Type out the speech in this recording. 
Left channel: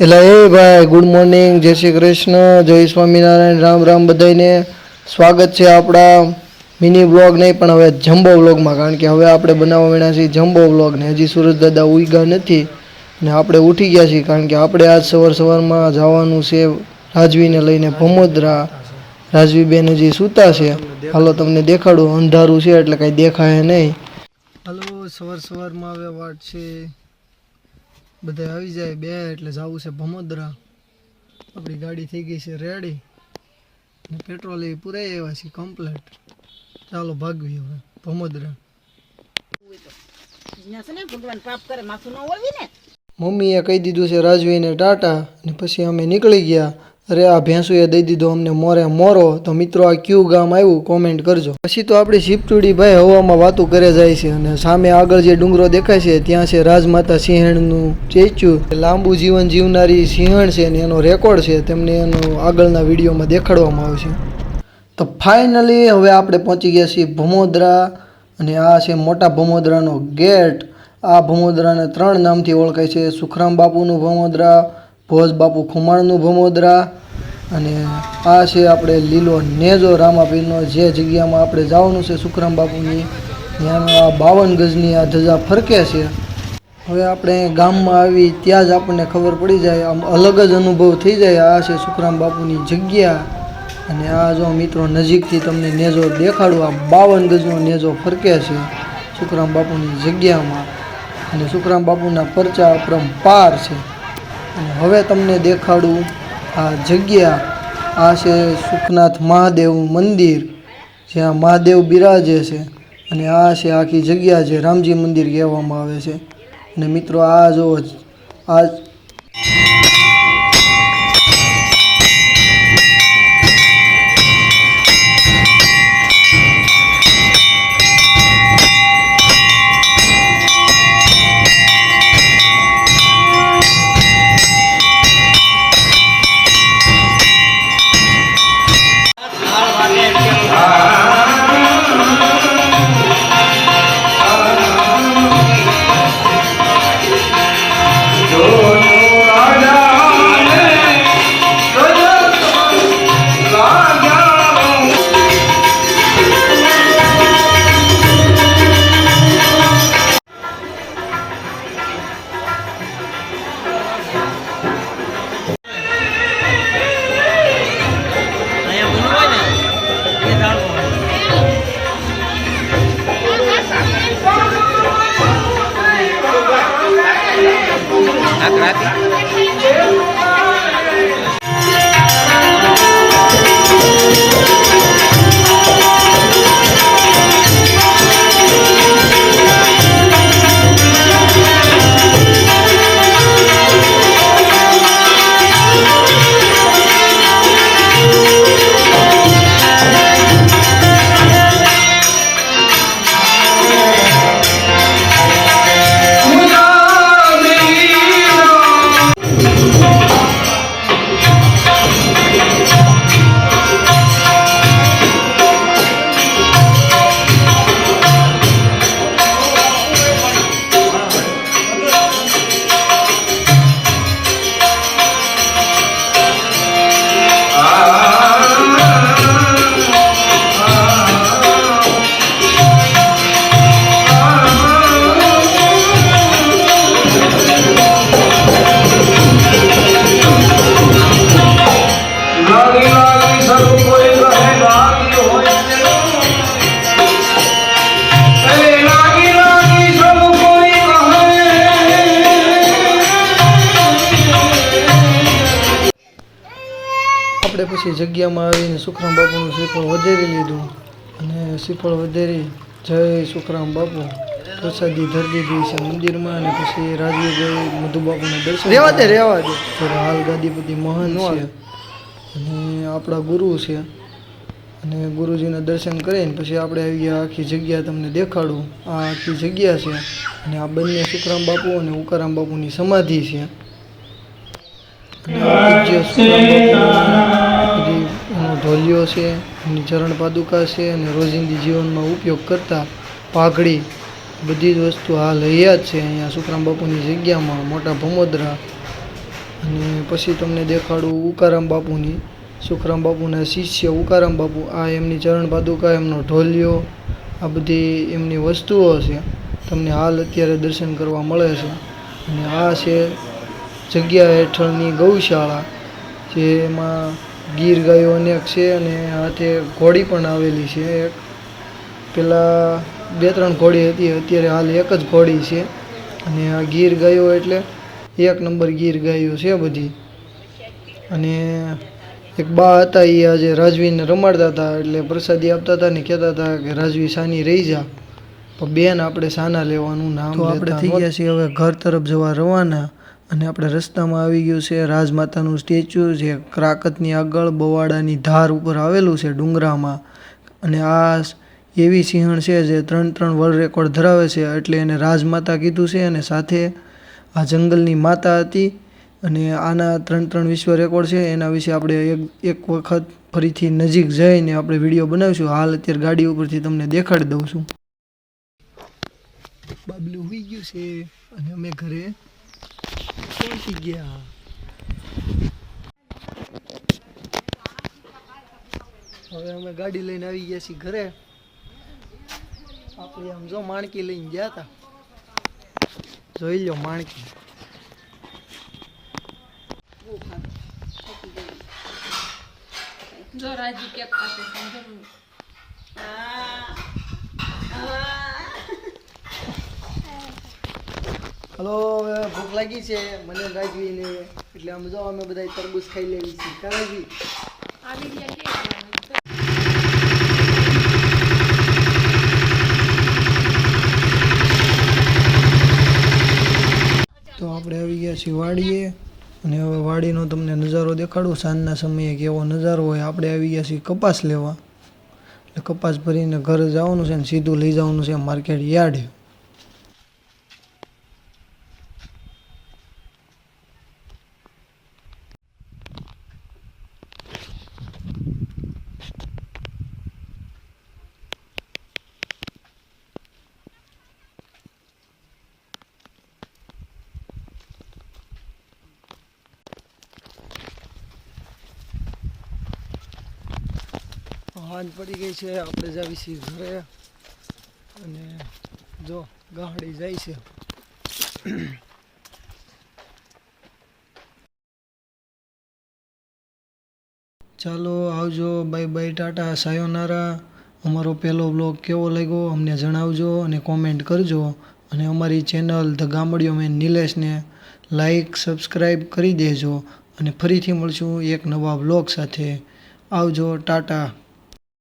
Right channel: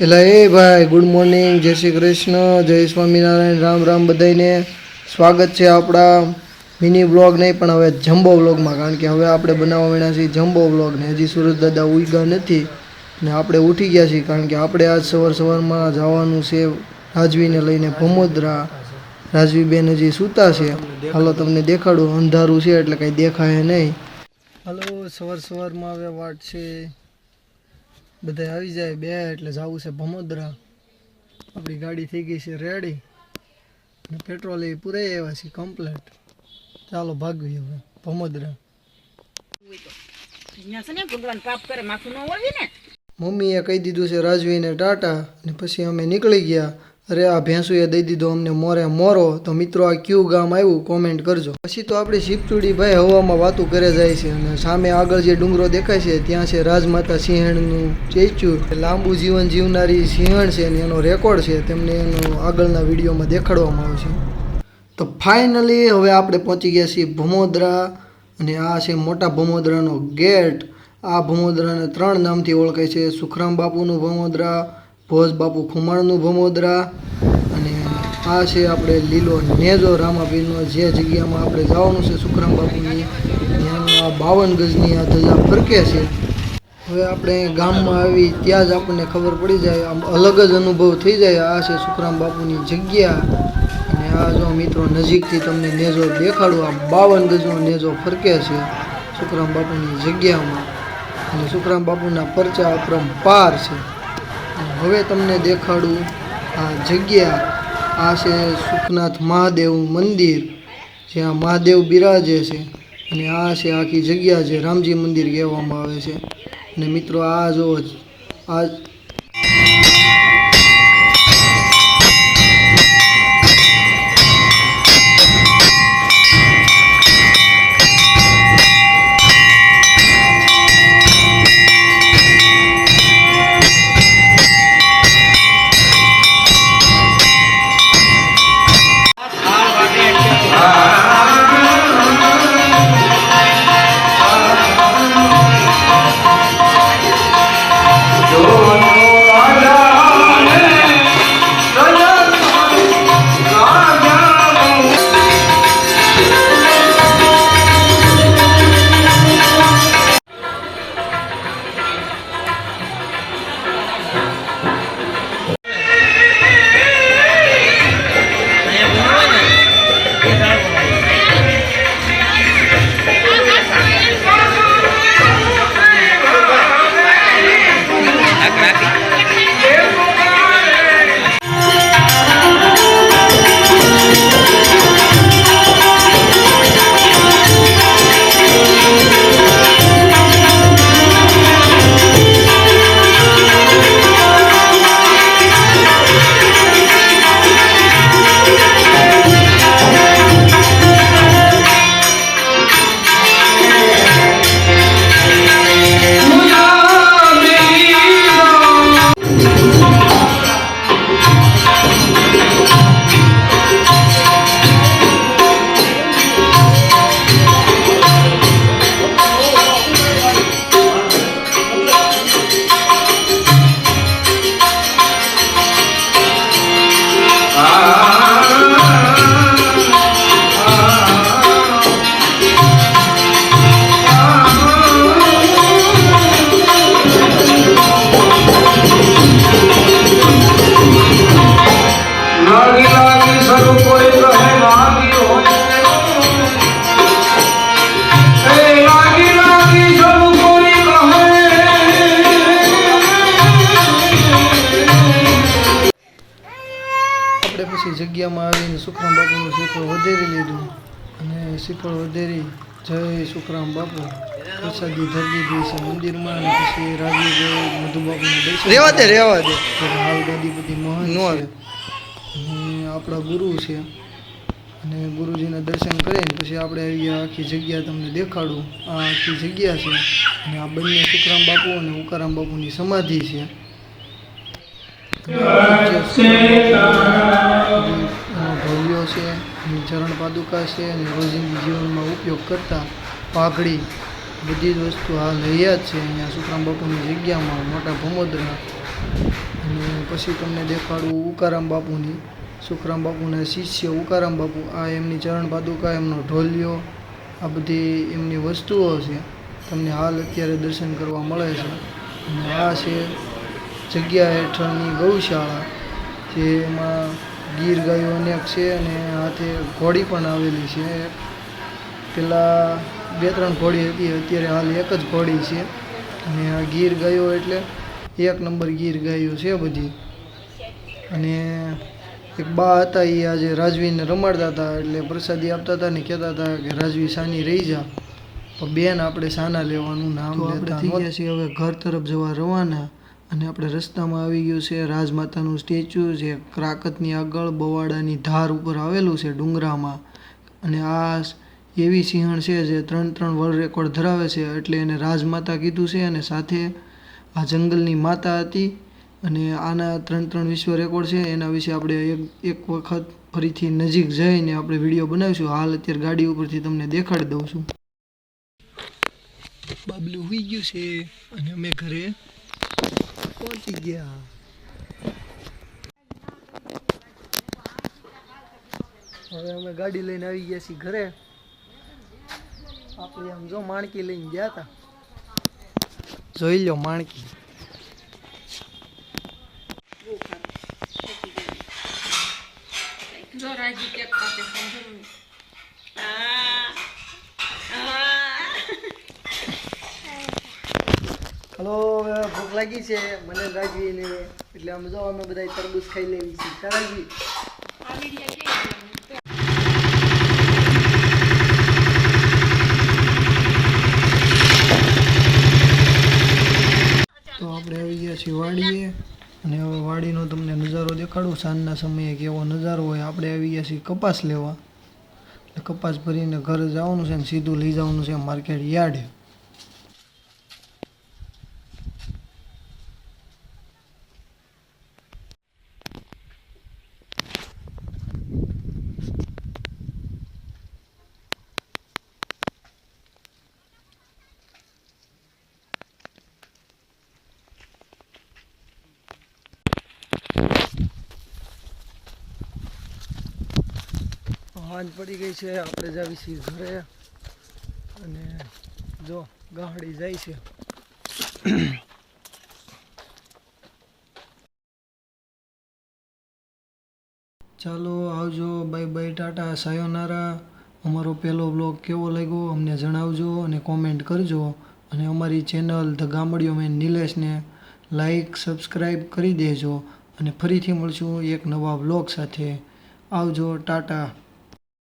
એટલે એ ભાઈ good morning, જય શ્રી કૃષ્ણ, જય સ્વામિનારાયણ, રામ રામ બધાને. સ્વાગત છે આપણા મિની બ્લોગ નહીં પણ હવે જમ્બો બ્લોગમાં, કારણ કે હવે આપણે બનાવવા માંડ્યા છીએ જમ્બો બ્લોગ ને હજી સુરજ દાદા ઉગ્યા નથી ને આપણે ઉઠી ગયા છીએ, કારણ કે આપણે આજ સવારમાં જવાનું છે રાજવીને લઈને ભમોદરા. રાજવીબેન હજી સૂતા છે. હાલો તમને દેખાડું, અંધારું છે એટલે કાંઈ દેખાય નહીં. હાલો સવારમાં હવે વાટ છે, બધા આવી જાય બે એટલે જવું છે ભમોદરા. આપણી ગાડી થઈ ગઈ છે રેડી અને પેટ્રોલ એ પૂરાઈ આવ્યા છે કમ્પ્લેટ. ચાલો ભાગવી હવે ભમોદરા. મમ્મીએ કહી દીધું છે રાજવીને ટાટા અને પછી અમે નીકળી ગયા. અરે આ ભેંસુએ દઈ દીધો અમને મોરે મોરો. તો મિત્રો આ કયું ગામ આવ્યું કોમેન્ટ કરજો. પછી તો આપણી શિપટુડી ભાઈ હવામાં વાતું કરે જાય છે અને સામે આગળ જે ડુંગરો દેખાય છે ત્યાં છે રાજમાતા સિંહણનું સ્ટેચ્યુ. લાંબુ જીવન જીવનારી સિંહણ છે અને એનો રેકોર્ડ છે, તેમને એનો આગળના વિડીયોમાં દેખાડવામાં આવશે. તો ફાઇનલી હવે આપણે પહોંચી ગયા છીએ ભમોદરા અને આ છે મોટા ભમોદરાનો ગેટ. આ ભમોદરાને 3 નામથી ઓળખાય છે: સુખરામ બાપુનું ભમોદરા, ભોજ બાપુ ખુમાણનું ભમોદરા અને આ છે આપણે લીલો નેજો રામાપીરનો. જે જગ્યામાં આપણે જવાનું છે સુખરામ બાપુની, ત્યાંનો આ 52 ગજની આ ધજા ફરકે છે. હવે આપણે ગામમાં આવી ત્યાં જ આપણને ખબર પડી જાય, આમ અલગ જ અનુભવ થઈ જાય. આ છે સુખરામ બાપુની જગ્યા અને આ જો મિત્રો નજીકથી તમને નેજો દેખાડું. આ 52 ગજનો નેજો ફરકે છે સુખરામ બાપુની જગ્યામાં અને સુખરામ બાપુના પરચા અપરંપાર છે. હવે તમને દેખાડું આ જગ્યા. આ છે સુખનાથ મહાદેવ મંદિર, જ્યાં મહાદેવ બિરાજે છે અને આ છે આખી જગ્યા જે રામજી મંદિર કહેવામાં આવે છે. અને મિત્રો આ જો આ પછી જગ્યામાં આવીને સુખરામ બાપુનું શ્રીફળ વધેરી લીધું અને શ્રીફળ વધેરી જય સુખરામ બાપુ પ્રસાદી ધરી દીધી છે મંદિરમાં. અને પછી રાજવીભાઈ મધુબાપુના દર્શન રેવા દે હાલ ગાદીપતિ મહંત છે અને આપણા ગુરુ છે અને ગુરુજીના દર્શન કરીને પછી આપણે આવી ગયા. આખી જગ્યા તમને દેખાડું. આ આખી જગ્યા છે અને આ બંને સુખરામ બાપુ અને ઉકારામ બાપુની સમાધિ છે. એનો ઢોલિયો છે, એની ચરણ પાદુકા છે અને રોજિંદી જીવનમાં ઉપયોગ કરતા પાઘડી બધી જ વસ્તુ હાલ હૈયા જ છે અહીંયા સુખરામ બાપુની જગ્યામાં મોટા ભમોદરા. અને પછી તમને દેખાડું ઉકારામ બાપુની, સુખરામ બાપુના શિષ્ય ઉકારામ બાપુ. આ એમની ચરણ પાદુકા, એમનો ઢોલિયો, આ બધી એમની વસ્તુઓ છે, તમને હાલ અત્યારે દર્શન કરવા મળે છે. અને આ છે જગ્યા હેઠળની ગૌશાળા, જેમાં ગીર ગાયો અનેક છે અને હાથે ઘોડી પણ આવેલી છે. પહેલાં 2-3 ઘોડી હતી, અત્યારે હાલ એક જ ઘોડી છે. અને આ ગીર ગાયો એટલે 1 નંબર ગીર ગાયો છે બધી. અને એક બા હતા, એ આજે રાજવીને રમાડતા હતા, એટલે પ્રસાદી આપતા હતા ને કહેતા હતા કે રાજવી સાની રહી જા, પણ બેન આપણે સાના લેવાનું નામ લેતા. આપણે થઈ ગયા છીએ હવે ઘર તરફ જવા રવાના. અને આપણે રસ્તામાં આવી ગયું છે રાજમાતાનું સ્ટેચ્યુ, જે ક્રાકતની આગળ બવાડાની ધાર ઉપર આવેલું છે ડુંગરામાં. અને આ એવી સિંહણ છે જે 3 વર્લ્ડ રેકોર્ડ ધરાવે છે, એટલે એને રાજમાતા કીધું છે. અને સાથે આ જંગલની માતા હતી. અને આના 3 વિશ્વ રેકોર્ડ છે. એના વિશે આપણે એક વખત ફરીથી નજીક જઈને આપણે વિડીયો બનાવીશું. હાલ અત્યારે ગાડી ઉપરથી તમને દેખાડી દઉં છું. બાબલું હોઈ ગયું છે અને અમે ઘરે પહોંચી ગયા. હવે અમે ગાડી લઈને આવી ગયા છીએ ઘરે. આપણે આમ જો માણકી લઈને ગયા હતા, જોઈ લો માણકી. જો રાજી કેક કાપે સમજો. હલો, હવે ભૂખ લાગી છે મને રાજવીને, એટલે આમ જો અમે બધા તરબૂચ ખાઈ લેવી છીએ. રાજવી આ વિડિયો કે તો આપણે આવી ગયા છીએ વાડીએ. અને હવે વાડીનો તમને નજારો દેખાડું, સાંજના સમયે કેવો નજારો હોય. આપણે આવી ગયા છીએ કપાસ લેવા, એટલે કપાસ ભરીને ઘરે જવાનું છે ને સીધું લઈ જવાનું છે માર્કેટ યાર્ડ. સાંજ પડી ગઈ છે, આપણે જાવી છીએ ઘરે. અને જો ગાડી જાય છે. ચાલો આવજો, બાય બાય, ટાટા, સાયોનારા. અમારો પહેલો બ્લોગ કેવો લાગ્યો અમને જણાવજો અને કોમેન્ટ કરજો. અને અમારી ચેનલ ધ ગામડિયો મેન નિલેશને લાઈક સબસ્ક્રાઈબ કરી દેજો. અને ફરીથી મળશું એક નવા બ્લોગ સાથે. આવજો, ટાટા.